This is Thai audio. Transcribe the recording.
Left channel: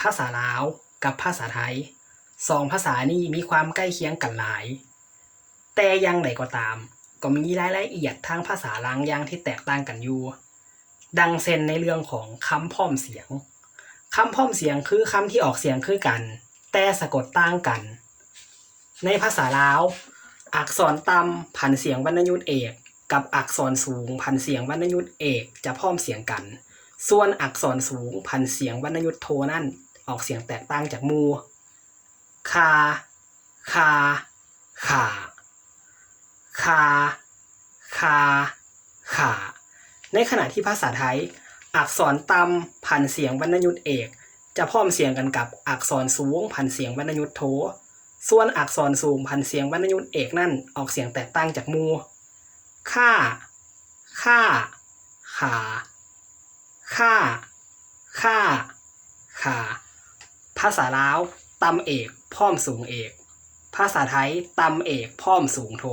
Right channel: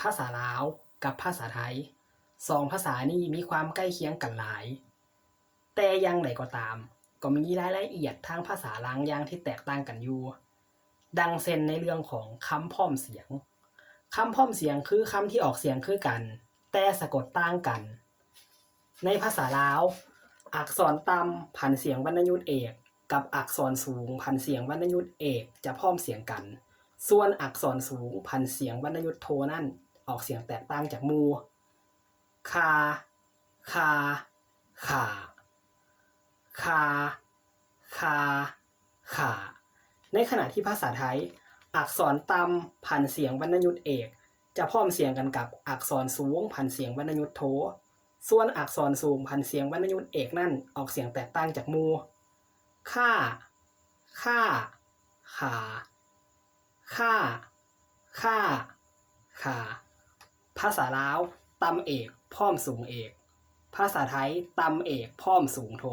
ภาษาลาวกับภาษาไทยสองภาษานี้มีความใกล้เคียงกันหลาย แต่อยังไดก็ตาม ก็มีรายละเอียดทางภาษาลางยางที่แตกต่างกันอยู่ ดังเช่นในเรื่องของคำพ้อมเสียงคำพ้อมเสียงคือคำที่ออกเสียงคือกัน แต่สะกดต่างกัน ในภาษาลาว อักษรต่ำพันเสียงวรรณยุกต์เอก กับอักษรสูงพันเสียงวรรณยุกต์เอกจะพ้อมเสียงกัน ส่วนอักษรสูงพันเสียงวรรณยุกต์โทนั่น ออกเสียงแตกต่างจากมูคา คา ขาคา คา ขาในขณะที่ภาษาไทย อักษรต่ำพันเสียงวรรณยุตเอก จะพ้อมเสียงกันกับอักษรสูงพันเสียงวรรณยุตโท ส่วนอักษรสูงพันเสียงวรรณยุตเอกนั่นออกเสียงแตกต่างจากมูค่า ค่า ขา ค่า ค่า ขาาษาลาวตำเอก พ่อมสูงเอก ภาษาไทยตำเอก พ่อมสูงโท